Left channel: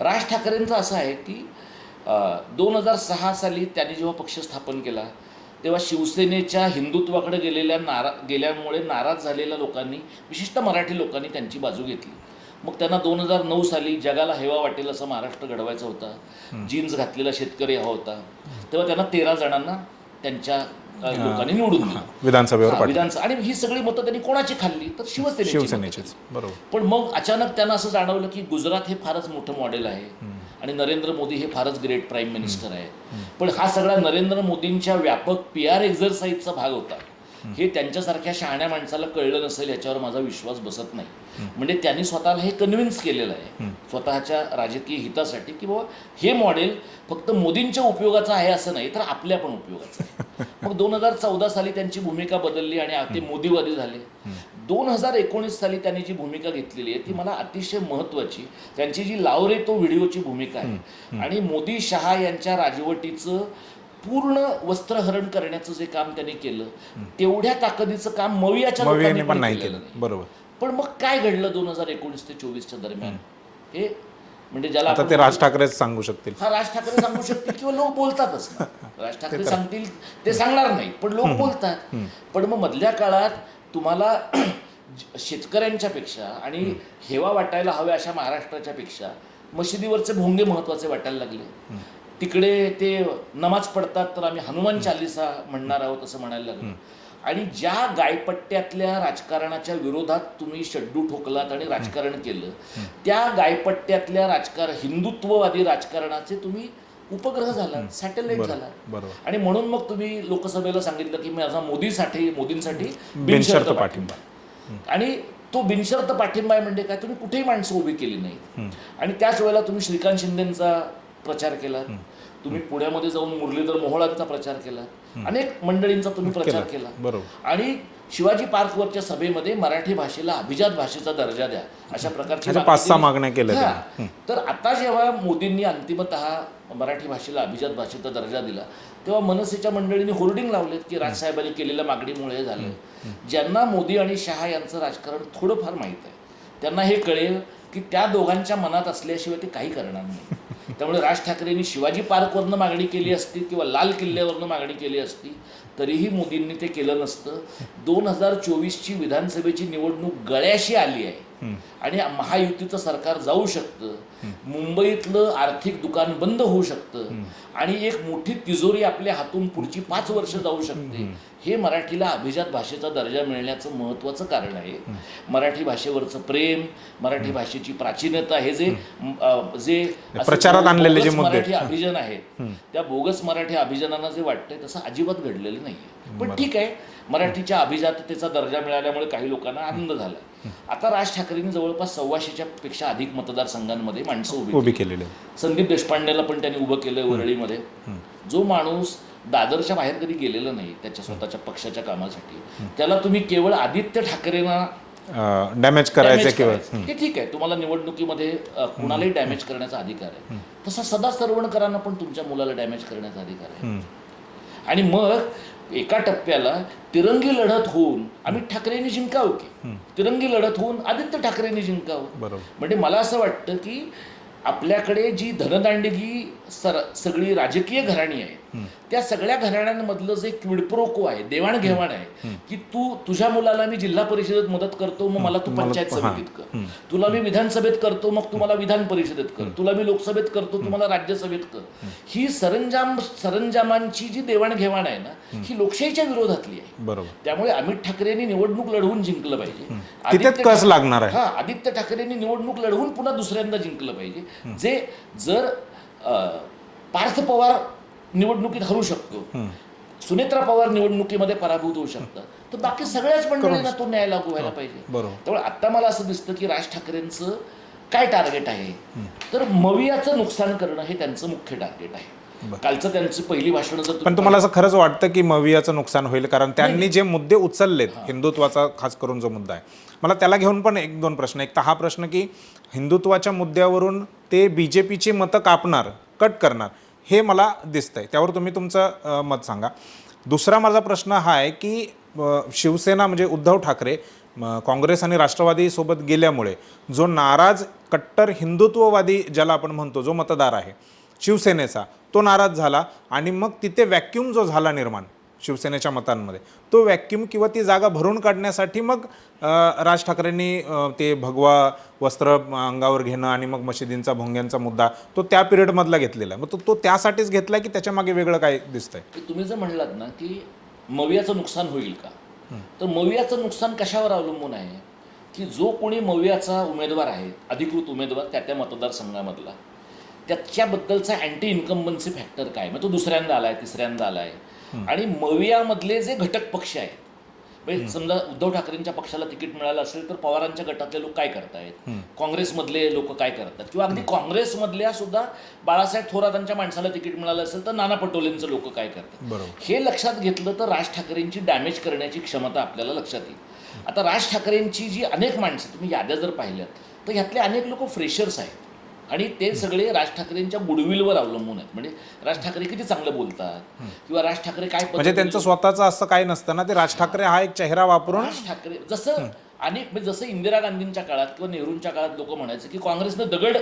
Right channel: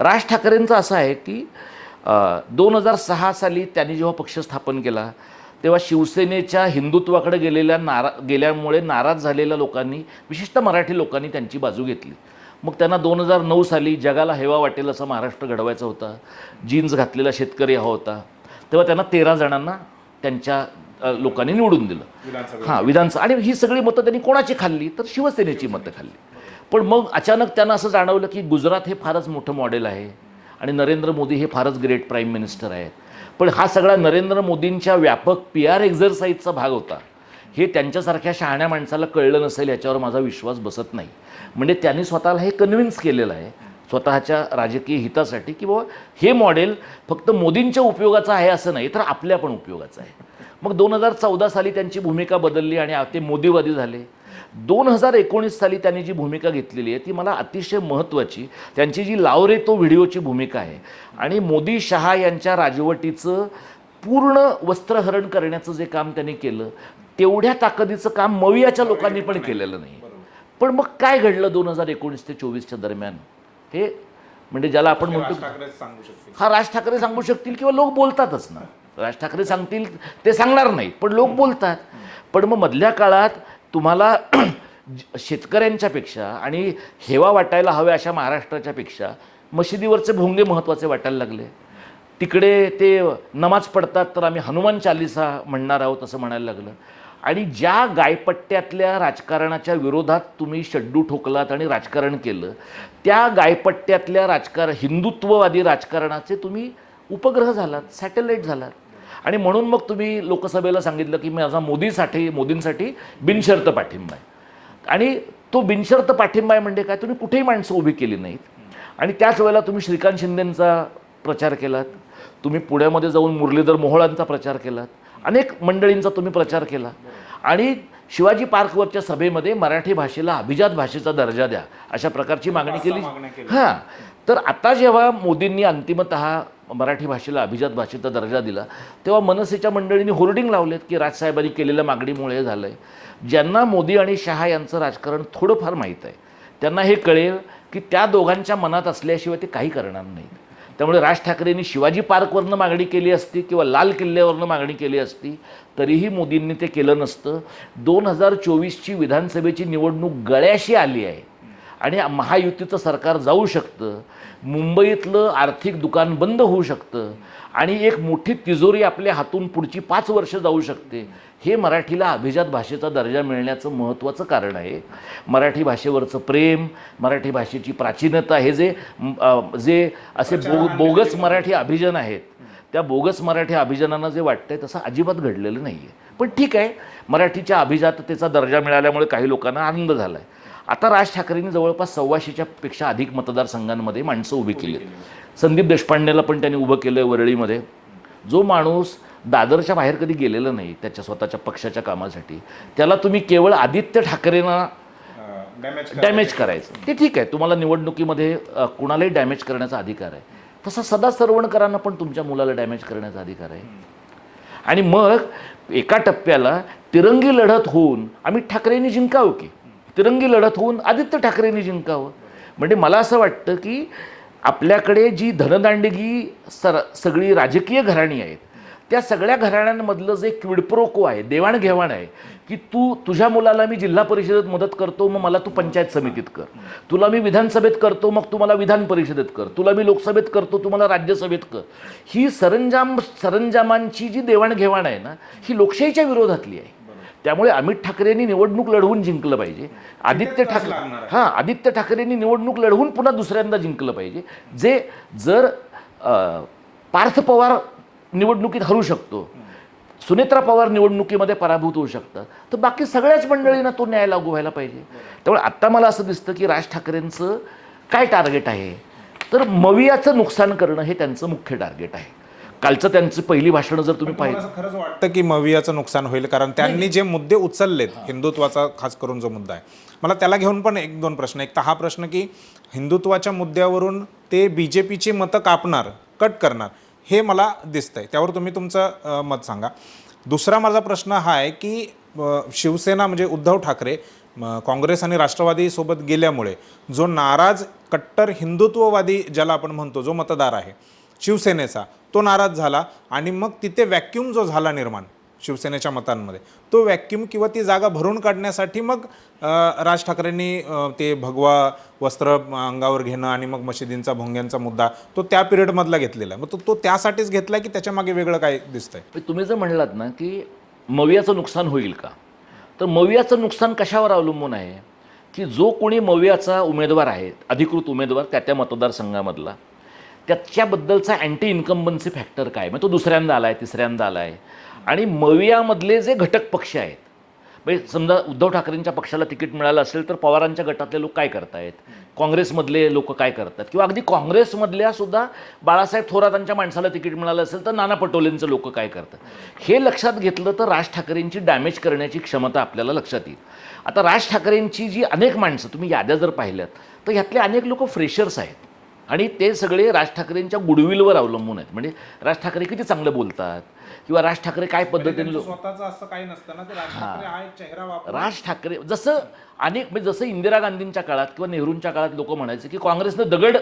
राज ठाकरेंचं असं आहे की 2006 साली त्यांनी जेव्हा पक्ष स्थापन केला तेव्हा शिवसेनेच्या हिंदुत्वाकडे गेल्यामुळे नाराज झालेल्या लोकांनी, विशिष्ट मराठी लोकांनी त्यांची बाजू घेतली. मग त्यांना 2009 साली जगाला हेवा वाटेल असं महाराष्ट्र घडवायचा होता, जीन्स घातलेला शेतकरी हवा होता. तेव्हा त्यांना 13 जणांना त्यांच्या लोकांनी निवडून दिलं विधानसभा. आणि ही सगळी मतं त्यांनी कोणाची खाल्ली तर शिवसेनेची मतं खाल्ली. पण मग अचानक त्यांना असं जाणवलं की गुजरात हे फारच मोठं मॉडेल आहे आणि नरेंद्र मोदी हे फारच ग्रेट प्राईम मिनिस्टर आहेत. पण हा सगळा नरेंद्र मोदींच्या व्यापक PR एक्झरसाईजचा भाग होता हे त्यांच्यासारख्या शहाण्या माणसाला कळलं नसेल याच्यावर माझा विश्वास बसत नाही. म्हणजे त्यांनी स्वतःला हे कन्व्हिन्स केलेलं आहे स्वतःच्या राजकीय हितासाठी की बाबा हे मॉडेल फक्त मोदींच्या उपयोगाचं आहे असं नाही तर आपल्या पण उपयोगाचं आहे. मग 2014 साली त्यांची भूमिका बदलली आणि ते मोदीवादी झाले. 2019 साली त्यांनी जी भूमिका घेतलेली आहे ती मला अतिशय महत्त्वाची, त्यांची जी लाव रे तो व्हिडिओची भूमिका आहे आणि मोदी शहा यांच्या राजवटीचं पूर्ण वस्त्रहरण करण्याचं जे काम त्यांनी केलं तेवढ्या ताकदीचं काम मवियाच्या लोकांनी पण केलेलं नाही. बरोबर. पण मग काय घडलं 2019 ते 24च्या दरम्यान हे म्हणजे ज्याला आपण राज ठाकरे सांगू शकतील. हा राज ठाकरे सांगू शकतील किंवा लोक बोलतातच ना. राज ठाकरे सांगतील ते सांगणार नाही पण लोक बोलतात. पण मग मधल्या काळात तुम्हाला शेतकऱ्यांच्या पेक्षा आणि हेवा वाटायला हव्या अशा महाराष्ट्राच्या पेक्षा मशिदीवरचे भोंगे महत्वाचे वाटायला लागले. तिकडे ते नमाज पडतात तर आम्ही हनुमान चालीसा म्हणणार आहोत असं म्हणायला लागलं. आणि ज्या गायपट्ट्यातल्या राजकारणाच्या विरोधात तुम्ही शड्डू ठोकलात आणि राजकारण केलं त्या गायपट्ट्यातल्या हिंदुत्ववादी राजकारणाचे तुम्ही उपग्रह झालात, सॅटेलाइट झालात. आणि म्हणून मग तुम्ही लोकसभेला सांगितलं की माझा मोदींसाठी बिनशर्त पाठिंबा आहे. आणि तो बिनशर्त पाठिंबा आहे म्हणजे काय, तुम्ही कुठेही माणसं उभी केली नाहीत. आणि त्याच वेळेला तुम्ही श्रीकांत शिंदेंचा प्रचार केलात, तुम्ही पुण्यामध्ये जाऊन मुरलीधर मोहोळांचा प्रचार केलात, अनेक मंडळींचा तुम्ही प्रचार केला. आणि शिवाजी पार्कवरच्या सभेमध्ये मराठी भाषेला अभिजात भाषेचा दर्जा द्या अशा प्रकारची मागण्या केल्या. तर आता जेव्हा मोदींनी अंतिमतः मराठी भाषेला अभिजात भाषेचा दर्जा दिला तेव्हा मनसेच्या मंडळींनी होर्डिंग लावलेत की राजसाहेबांनी केलेल्या मागणीमुळे हे झालंय. ज्यांना मोदी आणि शहा यांचं राजकारण थोडंफार माहीत आहे त्यांना हे कळेल की त्या दोघांच्या मनात असल्याशिवाय ते काही करणार नाही. त्यामुळे राज ठाकरेंनी शिवाजी पार्कवरनं मागणी केली असती किंवा लाल किल्ल्यावरनं मागणी केली असती तरीही मोदींनी ते केलं नसतं. 2024ची विधानसभेची निवडणूक गळ्याशी आली आहे आणि महायुतीचं सरकार जाऊ शकतं, मुंबईतलं आर्थिक दुकान बंद होऊ शकतं आणि एक मोठी तिजोरी आपल्या हातून पुढची 5 वर्ष जाऊ शकते. हे मराठीला अभिजात भाषेचा दर्जा मिळण्याचं महत्त्वाचं कारण आहे. मराठी भाषेवरचं प्रेम, मराठी भाषेची प्राचीनता हे जे बोगस मराठी अभिजन आहेत त्या बोगस मराठी अभिजनांना जे वाटतंय तसं अजिबात घडलेलं नाहीये. पण ठीक आहे, मराठीच्या अभिजाततेचा दर्जा मिळाल्यामुळे काही लोकांना आनंद झालाय. आता राज ठाकरेंनी जवळपास 125च्या पेक्षा अधिक मतदारसंघांमध्ये माणसं उभी केलेली. संदीप देशपांडेला पण त्यांनी उभं केलंय वरळीमध्ये. जो माणूस दादरच्या बाहेर कधी गेलेला नाही त्याच्या स्वतःच्या पक्षाच्या कामासाठी, त्याला तुम्ही केवळ आदित्य ठाकरेंना डॅमेज करायचं हे ठीक आहे, तुम्हाला निवडणुकीमध्ये कुणालाही डॅमेज करण्याचा अधिकार आहे. तसं सदा सरवणकरांना पण तुमच्या मुलाला डॅमेज करण्याचा अधिकार आहे. आणि मग एका टप्प्याला तिरंगी लढत होऊन अमित ठाकरेंनी जिंकावं की तिरंगी लढत होऊन आदित्य ठाकरेंनी जिंकावं. म्हणजे मला असं वाटतं की आपल्याकडे जी धनदांडगी सगळी राजकीय घराणी आहेत त्या सगळ्या घराण्यांमधलं जे क्विडप्रोको आहे, देवाणघेवाण आहे की तुझ्या मुलाला मी जिल्हा परिषदेत मदत करतो मग मला तू पंचायत समितीत कर, तुला मी विधानसभेत करतो मग तुम्हाला विधान परिषदेत कर, तुला मी लोकसभेत करतो तुम्हाला राज्यसभेत कर, ही सरंजामांची जी देवाणघेवाण आहे ना ही लोकशाहीच्या विरोधातली आहे. त्यामुळे अमित ठाकरेंनी निवडणूक लढवून जिंकलं पाहिजे. आदित्य ठाकरेंनी निवडणूक लढवून पुन्हा दुसऱ्यांदा जिंकलं पाहिजे. जे जर पार्थ पवार निवडणुकीत हरू शकतो, सुनेत्रा पवार निवडणुकीमध्ये पराभूत होऊ शकतात, तर बाकी सगळ्याच मंडळींना तो न्याय लागू व्हायला पाहिजे. त्यामुळे आता मला असं दिसतं की राज ठाकरेंचं काय टार्गेट आहे तर मवियाचं नुकसान करणं हे त्यांचं मुख्य टार्गेट आहे. कालचं त्यांची पहिली भाषण जर पण तुम्हाला असं खरंच वाटतं की मवियाचं नुकसान होईल? कारण त्यांनी जे मुद्दे उचललेत, हिंदुत्वाचा खास करून जो मुद्दा आहे, मला त्याला घेऊन पण 1-2 प्रश्न. एक तर हा प्रश्न की हिंदुत्वाच्या मुद्द्यावरून ते BJPची मतं कापणार, कट करणार हे मला दिसतंय, त्यावर तुम्ही तुमचं मत सांगा. दुसरा माझा प्रश्न हा आहे की शिवसेना म्हणजे उद्धव ठाकरे काँग्रेस आणि राष्ट्रवादी सोबत गेल्यामुळे जो नाराज कट्टर हिंदुत्ववादी ज्याला आपण म्हणतो जो मतदार आहे शिवसेनेचा, तो नाराज झाला आणि मग तिथे व्हॅक्यूम जो झाला निर्माण शिवसेनेच्या मतांमध्ये, तो व्हॅक्यूम किंवा ती जागा भरून काढण्यासाठी मग राज ठाकरेंनी ते भगवा वस्त्र अंगावर घेणं आणि मग मशिदींचा भोंग्यांचा मुद्दा तो त्या पिरियडमधला घेतलेला आहे. मग तो त्यासाठीच घेतला की त्याच्या मागे वेगळं काय दिसतंय? तुम्ही जर म्हणलात ना की मवियाचं नुकसान होईल का, तर मवियाचं नुकसान कशावर अवलंबून आहे की जो कोणी मवियाचा उमेदवार आहे, अधिकृत उमेदवार त्या मतदारसंघामधला, त्याच्याबद्दलचा अँटी इन्कम्बन्सी फॅक्टर काय, मग तो दुसऱ्यांदा आलाय, तिसऱ्यांदा आलाय. आणि मवियामधले जे घटक पक्ष आहेत, म्हणजे समजा उद्धव ठाकरेंच्या पक्षाला तिकीट मिळालं असेल तर पवारांच्या गटातले लोक काय करतायत, काँग्रेसमधले लोक काय करतात, किंवा अगदी काँग्रेसमधल्या सुद्धा बाळासाहेब थोरातांच्या माणसाला तिकीट मिळालं असेल तर नाना पटोलेंचं लोक काय करतात, हे लक्षात घेतलं तर राज ठाकरेंची डॅमेज करण्याची क्षमता आपल्याला लक्षात येईल. आता राज ठाकरेंची जी अनेक माणसं तुम्ही याद्या जर पाहिल्यात तर यातले अनेक लोक फ्रेशर्स आहेत आणि ते सगळे राज ठाकरेंच्या गुडविलवर अवलंबून आहेत. म्हणजे राज ठाकरे किती चांगलं बोलतात किंवा राज ठाकरे काय म्हणजे त्यांचं स्वतःचं असं काही नसतं ना, ते राज ठाकरे हा एक चेहरा वापरून राज ठाकरे जसं म्हणजे जसं इंदिरा गांधींच्या काळात किंवा नेहरूंच्या काळात लोक म्हणायचे की काँग्रेसनं दगड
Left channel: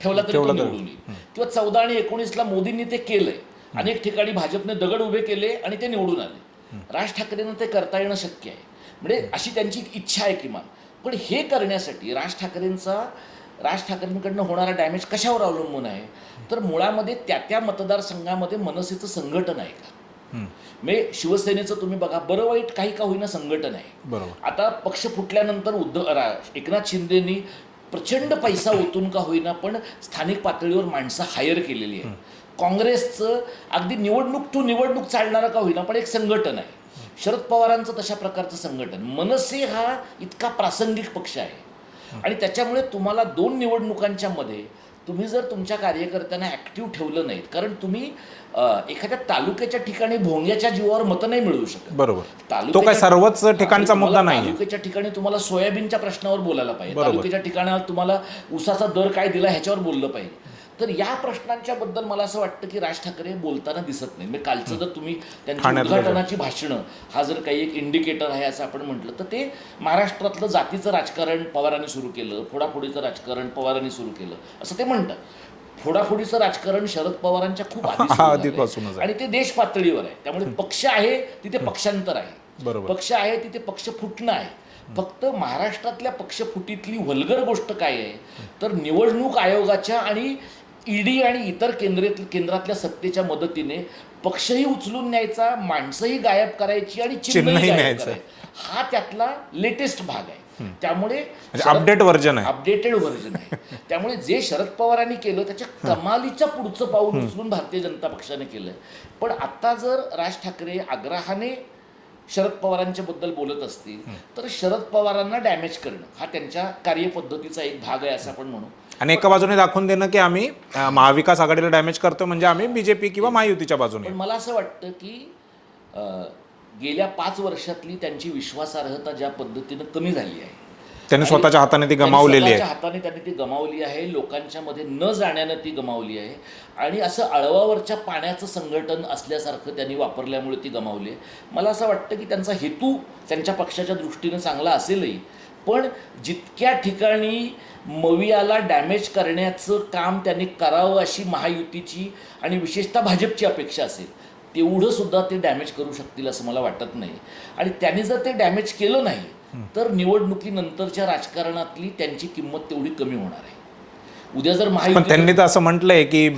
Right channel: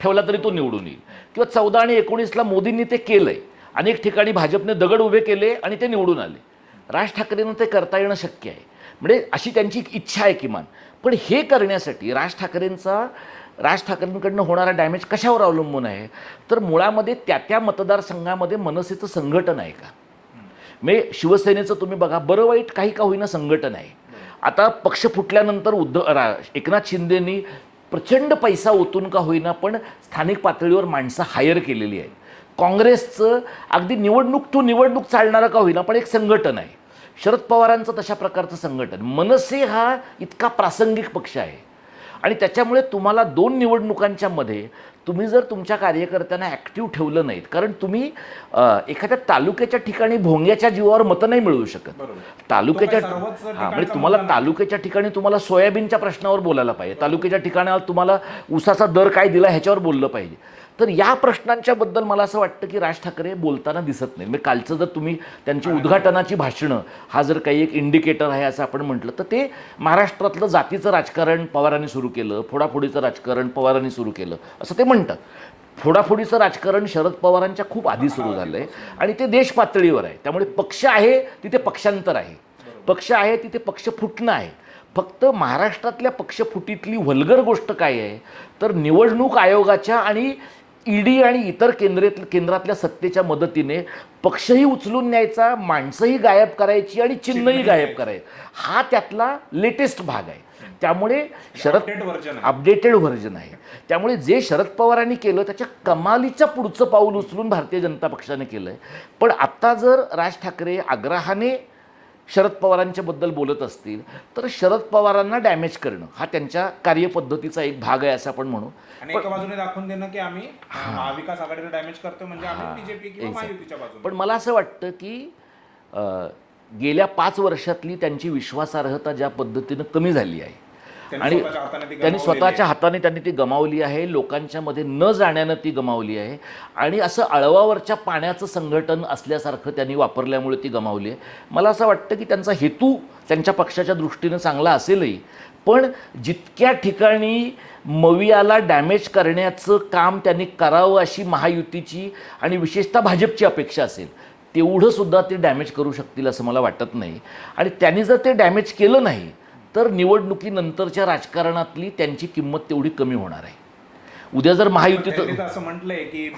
ठेवला तरी तो निवडून येईल, किंवा 14 आणि 19ला मोदींनी ते केलंय, अनेक ठिकाणी भाजपने दगड उभे केले आणि ते निवडून आले. राज ठाकरेंना ते करता येणं शक्य आहे, म्हणजे अशी त्यांची इच्छा आहे किमान. पण हे करण्यासाठी राज ठाकरेंकडनं होणारा डॅमेज कशावर अवलंबून आहे, तर मुळामध्ये त्या मतदारसंघामध्ये मनसेचं संघटन आहे का. म्हणजे शिवसेनेचं तुम्ही बघा, बरं वाईट काही का होईना संघटन आहे. आता पक्ष फुटल्यानंतर एकनाथ शिंदेनी प्रचंड पैसा ओतून का होईना पण स्थानिक पातळीवर माणसं हायर केलेली आहे. काँग्रेसचं अगदी निवडणूक चालणारं का होईना पण एक संघटन आहे. शरद पवारांचं तशा प्रकारचं संघटन. मनसे हा इतका प्रासंगिक पक्ष आहे आणि त्याच्यामुळे तुम्हाला 2 निवडणुकांच्या मध्ये तुम्ही जर तुमच्या कार्यकर्त्यांना ॲक्टिव्ह ठेवलं नाहीत, कारण तुम्ही एखाद्या तालुक्याच्या ठिकाणी भोंग्याच्या जीवावर मतं नाही मिळवू शकत. बरोबर, सर्वच ठिकाणचा मुद्दा नाही. तालुक्याच्या ठिकाणी तुम्हाला सोयाबीनच्या प्रश्नावर बोलायला पाहिजे, तालुक्याच्या ठिकाणी तुम्हाला ऊसाचा दर काय दिला ह्याच्यावर बोललं पाहिजे. तर या प्रश्नांच्या बद्दल मला असं वाटतं की राज ठाकरे बोलताना दिसत नाही. म्हणजे कालचं जर तुम्ही त्यांची उद्घाटनाची भाषणं हा जर काही एक इंडिकेटर आहे असं आपण म्हटलं तर ते महाराष्ट्रातलं जातीचं राजकारण पवारांनी सुरू केलं, फोडाफोडीचं राजकारण पवारांनी सुरू केलं असं ते म्हणतात. फोडाफोडीचं राजकारण शरद पवारांच्या खूप आधी सुरू झालं आणि ते देश पातळीवर आहे. त्यामुळे पक्ष आहे तिथे पक्षांतर आहे, पक्ष आहे तिथे पक्ष फुटणं आहे. फक्त महाराष्ट्रातल्या पक्षफुटीतली वल्गर गोष्ट काय आहे तर निवडणूक आयोगाच्या आणि ईडी आणि इतर केंद्रातल्या सत्तेच्या मदतीने पक्षही उचलून न्यायचा, माणसंही गायब करायची आणि चिन्हही गायब करायचं, हा त्यातला लेटेस्ट भाग आहे. त्यामुळे अपडेटेड व्हर्जन आहे. त्यामुळे जे शरद पवारांनी केलं त्याच्या कमालीच्या पुढचं पाऊल उचलून भारतीय जनता पक्षाने केलंय. पण आता जर राज ठाकरे आग्रहाने शरद पवारांच्या बद्दल बोलत असतील तर शरद पवारांना डॅमेज करणं हा त्यांच्या कार्यपद्धतीचा एक भाग आहे असं आपण म्हणू. आणि एका बाजूने दाखवून देणं की आम्ही महाविकास आघाडीला डॅमेज करतो, म्हणजे आम्ही बीजेपी किंवा महायुतीच्या बाजूने. पण मला असं वाटतं की गेल्या 5 वर्षातली त्यांची विश्वासार्हता ज्या पद्धतीनं कमी झाली आहे, त्यांनी स्वतःच्या हाताने ती गमावलेली आहे. हाताने त्यांनी ती गमावली आहे, लोकांच्या मध्ये न जाण्यानं ती गमावली आहे आणि असं अळवावरच्या पाण्याचं संघटन असल्यासारखं त्यांनी वापरल्यामुळे ती गमावली आहे. मला असं वाटतं की त्यांचा हेतू त्यांच्या पक्षाच्या दृष्टीनं चांगला असेलही, पण जितक्या ठिकाणी मवियाला डॅमेज करण्याचं काम त्यांनी करावं अशी महायुतीची आणि विशेषतः भाजपची अपेक्षा असेल तेवढं सुद्धा ते डॅमेज करू शकतील असं मला वाटत नाही. आणि त्यांनी जर ते डॅमेज केलं नाही तर निवडणुकीनंतरच्या राजकारणातली त्यांची किंमत तेवढी कमी होणार आहे. उद्या जर महायुती, त्यांनी तर असं म्हटलंय की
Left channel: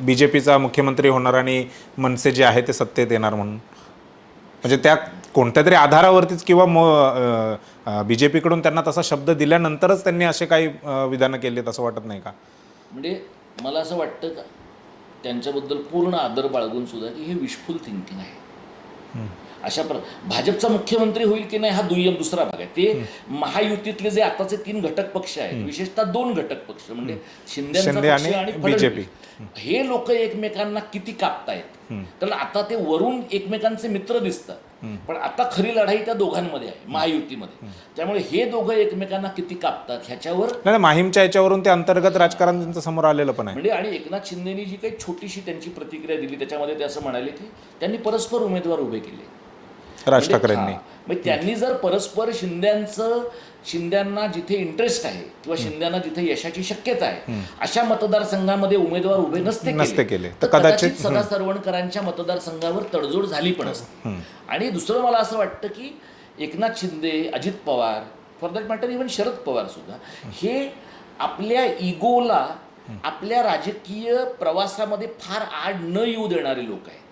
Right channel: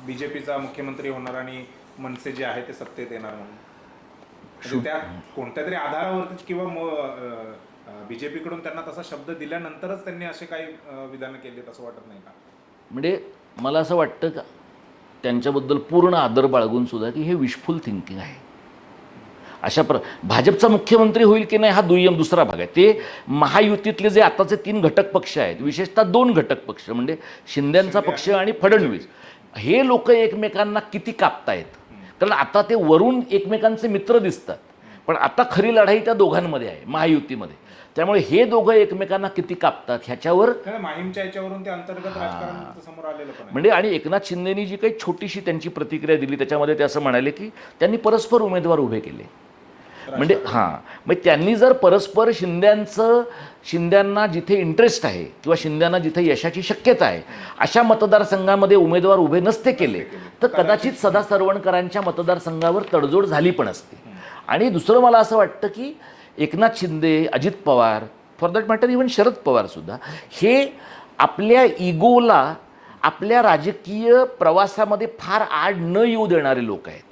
बीजेपीचा मुख्यमंत्री होणार आणि मनसे जे आहे ते सत्तेत येणार म्हणून, म्हणजे त्या कोणत्या तरी आधारावरतीच किंवा बीजेपीकडून त्यांना तसा शब्द दिल्यानंतरच त्यांनी असे काही विधानं केलीत असं वाटत नाही का? म्हणजे मला असं वाटतं का त्यांच्याबद्दल पूर्ण आदर बाळगून सुद्धा की हे विशफुल थिंकिंग आहे. भाजपचा मुख्यमंत्री होईल की नाही हा दुसरा भाग आहे. ते महायुतीतले जे आताचे 3 घटक पक्ष आहेत, विशेषतः 2 घटक पक्ष म्हणजे शिंदेचा पक्ष आणि फडणवीस, हे लोक एकमेकांना किती कापतायत. कारण आता ते वरून एकमेकांचे मित्र दिसतात, पण आता खरी लढाई त्या दोघांमध्ये आहे महायुतीमध्ये. त्यामुळे हे दोघं एकमेकांना किती कापतात ह्याच्यावर माहीमच्या याच्यावरून ते अंतर्गत राजकारण त्यांचं समोर आलेलं पण आहे. म्हणजे आणि एकनाथ शिंदेनी जी काही छोटीशी त्यांची प्रतिक्रिया दिली त्याच्यामध्ये ते असं म्हणाले की त्यांनी परस्पर उमेदवार उभे केले. राज ठाकरेंनी. मग त्यांनी जर परस्पर शिंद्यांना जिथे इंटरेस्ट आहे किंवा शिंद्यांना जिथे यशाची शक्यता आहे अशा मतदारसंघामध्ये उमेदवार उभे नसते केले तर कदाचित सदा सरवणकरांच्या मतदारसंघावर तडजोड झाली पण असते. आणि दुसरं मला असं वाटतं की Eknath Shinde, Ajit Pawar, for that matter even Sharad Pawar सुद्धा हे आपल्या इगोला आपल्या राजकीय प्रवासामध्ये फार आड न येऊ देणारे लोक आहेत.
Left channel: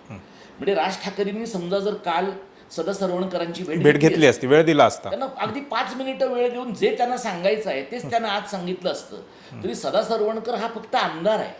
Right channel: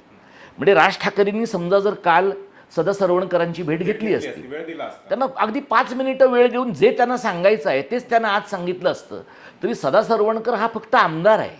म्हणजे राज ठाकरेंनी समजा जर काल सदा सरवणकरांची भेट घेतली असती, वेळ दिला असता, त्यांना अगदी 5 मिनिटं वेळ देऊन जे त्यांना सांगायचं आहे तेच त्यांना आज सांगितलं असतं तरी सदा सरवणकर हा फक्त आमदार आहे.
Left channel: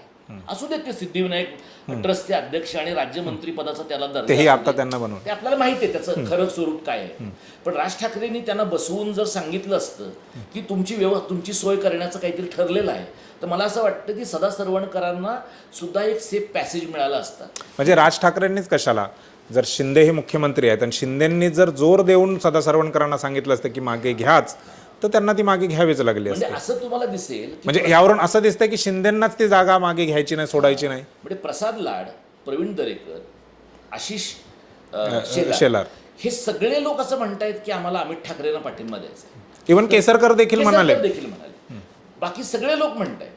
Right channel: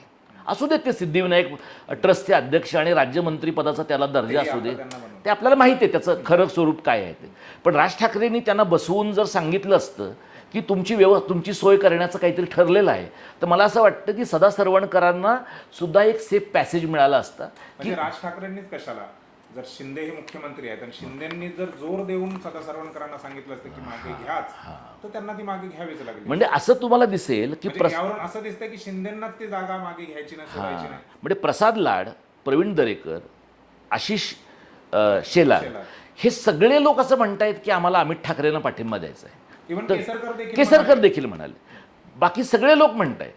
असू देत ते सिद्धिविनायक ट्रस्टचे अध्यक्ष आणि राज्यमंत्री पदाचा त्याला दर्जा आता त्यांना बनवलं, ते आपल्याला माहिती आहे त्याचं खरं स्वरूप काय आहे. पण राज ठाकरेंनी त्यांना बसवून जर सांगितलं असतं की तुमची सोय करण्याचं काहीतरी ठरलेलं आहे तर मला असं वाटतं की सदा सरवणकरांना सुद्धा एक सेफ पॅसेज मिळाला असता. म्हणजे राज ठाकरेंनीच कशाला, जर शिंदे हे मुख्यमंत्री आहेत आणि शिंदेंनी जर जोर देऊन सदा सरवणकरांना सांगितलं असतं की मागे घ्याच तर त्यांना ती मागे घ्यावीच लागली. म्हणजे असं तुम्हाला दिसेल की म्हणजे यावरून असं दिसतंय की शिंदेंनाच ती जागा मागे घ्यायची नाही, सोडायची नाही. म्हणजे प्रसाद लाड, प्रवीण दरेकर, आशिष शेलार हे सगळे लोक असं म्हणतायत की आम्हाला अमित ठाकरेंना पाठिंबा द्यायचा आहे. इव्हन केसरकर देखील म्हणाले, बाकी सगळे लोक म्हणतायत.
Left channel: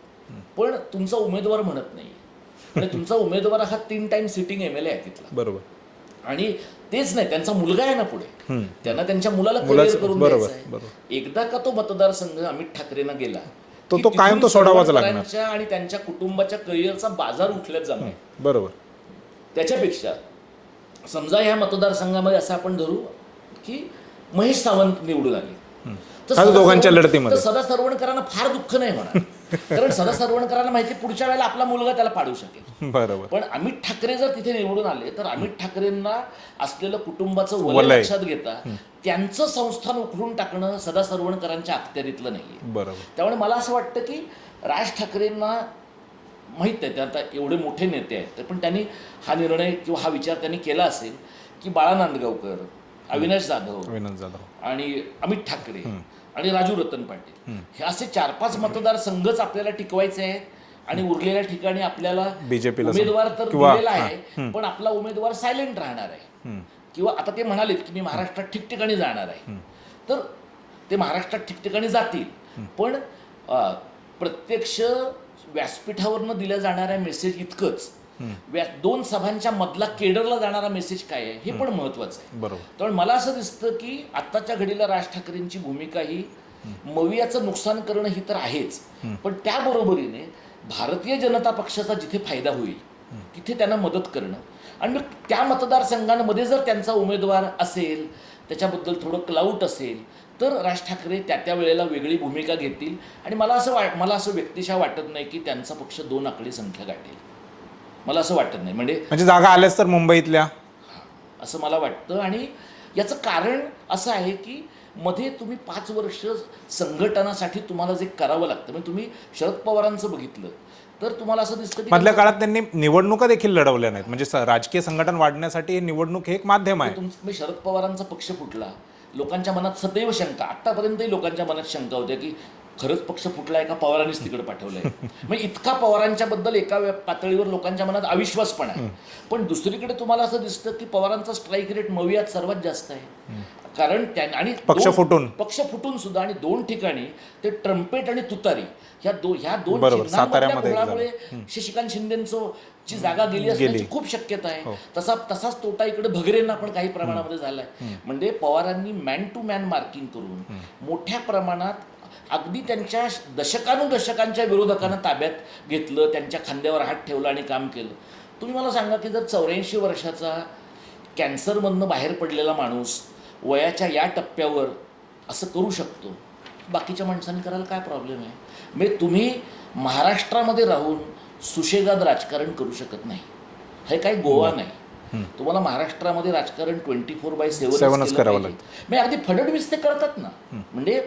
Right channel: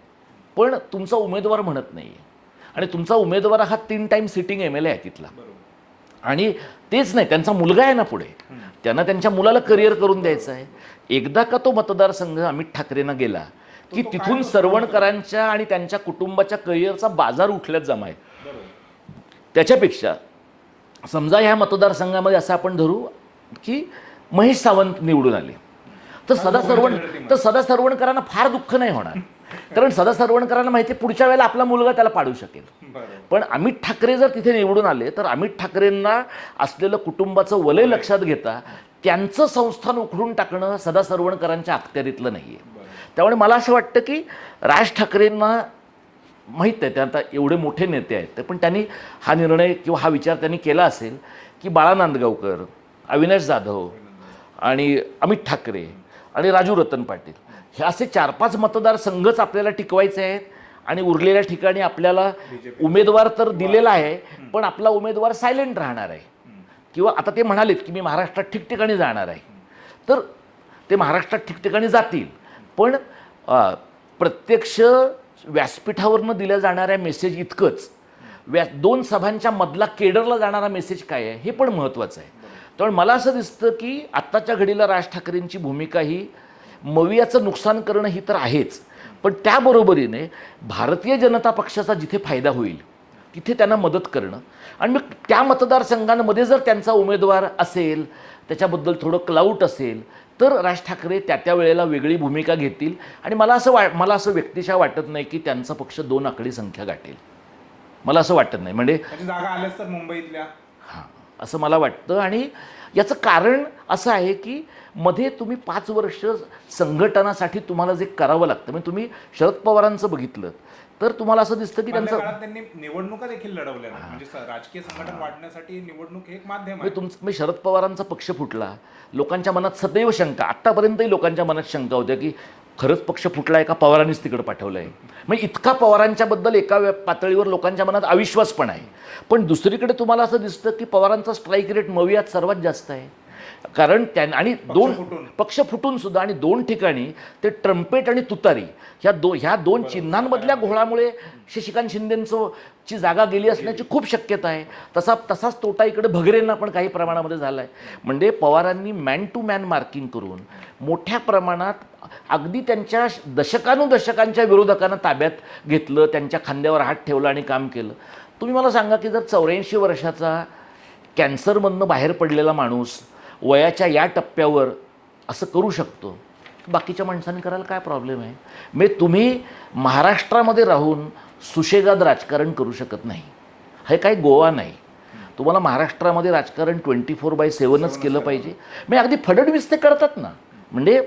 पण तुमचा उमेदवार म्हणत नाही आणि तुमचा उमेदवार हा 3 टाइम सिटिंग MLA आहे तिथला. बरोबर. आणि तेच नाही, त्यांचा मुलगा आहे ना पुढे, त्यांना त्यांच्या मुलाला करिअर करून द्यायचं आहे. एकदा का तो मतदारसंघ अमित ठाकरेंना गेला तो कायम तो सोडावाच लागणार आणि त्यांच्या कुटुंबाच्या करिअरचा बाजार उठल्याच जमाय. बरोबर. त्याच्यापेक्षा समजा ह्या मतदारसंघामध्ये असं आपण धरू की महेश सावंत निवडून आले तर सदा सरवणकरांना फार दुःख नाही होणार कारण सदा सरवणकरांना माहिती पुढच्या वेळेला आपला मुलगा त्याला पाडू शकेल. बरोबर. पण अमित ठाकरे जर तिथे निवडून आले तर अमित ठाकरेंना असलेलं कुटुंबाचं वलय लक्षात घेता त्यांचं संस्थान उखडून टाकणं सदा सरवणकरांच्या अखत्यारीतलं नाहीये. बरोबर. त्यामुळे मला असं वाटतं की राज ठाकरेंना माहीत आहे ते आता एवढे मोठे नेते आहेत पण त्यांनी हा निर्णय किंवा हा विचार त्यांनी केला असेल की बाळा नांदगावकर, अविनाश जाधव आणि अमित ठाकरे आणि राजू रतन पाटील हे असे 4-5 मतदारसंघच आपल्याला टिकवायचे आहेत आणि उरलेल्या ठिकाणी आपल्याला उमेदवार तर दिलेला आहे पण आपला उमेदवार सायलेंट राहणार आहे. किंवा आता ते म्हणालेत की मी महाराष्ट्रात ठिकठिकाणी जाणार आहे तर ते महाराष्ट्रात ठिकठिकाणी जातील पण प्रत्यक्ष व्यासपीठावरनं दिल्या जाणाऱ्या मेसेज इतकंच 2 सभांच्या मधला केडरला जाणारा मेसेज काय आहे हे पण महत्वाचं आहे. त्यामुळे मला असं दिसतं की आत्ताच्या घडीला राज ठाकरेंची भूमिका ही मवियाचं नुकसान करणं ही तर आहेच पण त्याबरोबरीने भारतीय जनता पक्षाचा जिथे फायदा होईल तिथे त्यांना मदत करणं आणि मग त्या मतदारसंघांमध्ये जर त्यांचा उमेदवार असेल त्याच्याबद्दल थोडं क्लाउट असेल तर राज ठाकरे त्या वेळेला वेगळी भूमिका घेतील आणि मला असं व्यक्तिशः वाटत नाही की त्यांचा पक्ष 2 आकडी संख्या गाठेल. मला असं वाटत नाही. म्हणजे जागा आल्याच तर मुंबईतल्या असं मला वाटतं आणि याचं कारण असं आहे की मध्ये तुम्ही 5 वर्ष संघटनासाठी तुम्हाला जे करावं लागतं म्हणजे तुम्ही शरद पवारांचं बघितलं तर तुम्हाला असं दिसतं की मधल्या काळात त्यांनी निवडणुका देखील लढवल्या नाहीत. म्हणजे राजकीय संघटन वाढण्यासाठी निवडणूक हे एक माध्यम आहे. शरद पवारांचा पक्ष फुटला लोकांच्या मनात सदैव शंका आतापर्यंतही लोकांच्या मनात शंका होत्या की खरंच पक्ष फुटलाय का पवारांनीच तिकडे पाठवलंय. म्हणजे इतका पवारांच्या बद्दल एका पातळीवर लोकांच्या मनात अविश्वास पण आहे. पण दुसरीकडे तुम्हाला असं दिसतं की पवारांचा स्ट्राईक रेट मवियात सर्वात जास्त आहे कारण आणि पक्ष फुटून सुद्धा आणि 2 ठिकाणी ते ट्रम्पेट आणि तुतारी ह्या दोन चिन्हांमधल्या घोळामुळे शशिकांत शिंदेची जागा गेली असण्याची खूप शक्यता आहे. तसाच तोटा इकडे भगरेंना पण काही प्रमाणामध्ये झालाय. म्हणजे पवारांनी मॅन टू मॅन मार्किंग करून मोठ्या प्रमाणात अगदी त्यांच्या दशकांच्या विरोधकांना ताब्यात घेतलं त्यांच्या खांद्यावर हात ठेवला आणि काम केलं. तुम्ही मला सांगा की जर 84 वर्षाचा कॅन्सरमधनं बाहेर पडलेला माणूस वयाच्या या टप्प्यावर असं करू शकतो बाकीच्या माणसांनी करायला काय प्रॉब्लेम आहे. म्हणजे तुम्ही महाराष्ट्रामध्ये राहून सुशेगाद राजकारण करू शकत नाही. हे काही गोवा नाही. तुम्हाला महाराष्ट्रामध्ये राजकारण 24/7 केलं पाहिजे. म्हणजे अगदी फडणवीस ते करतात ना. म्हणजे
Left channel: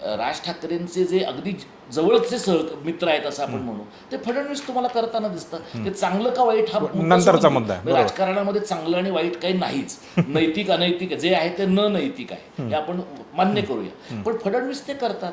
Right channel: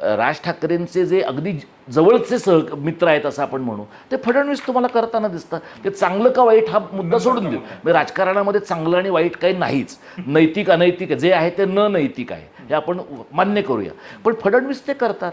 राज ठाकरेंचे जे अगदी जवळचे मित्र आहेत असं आपण म्हणू ते फडणवीस तुम्हाला करताना दिसतात. ते चांगलं का वाईट हा मुद्दा राजकारणामध्ये चांगलं आणि वाईट काही नाहीच. नैतिक अनैतिक जे आहे ते न नैतिक आहे हे आपण मान्य करूया पण फडणवीस ते करतात.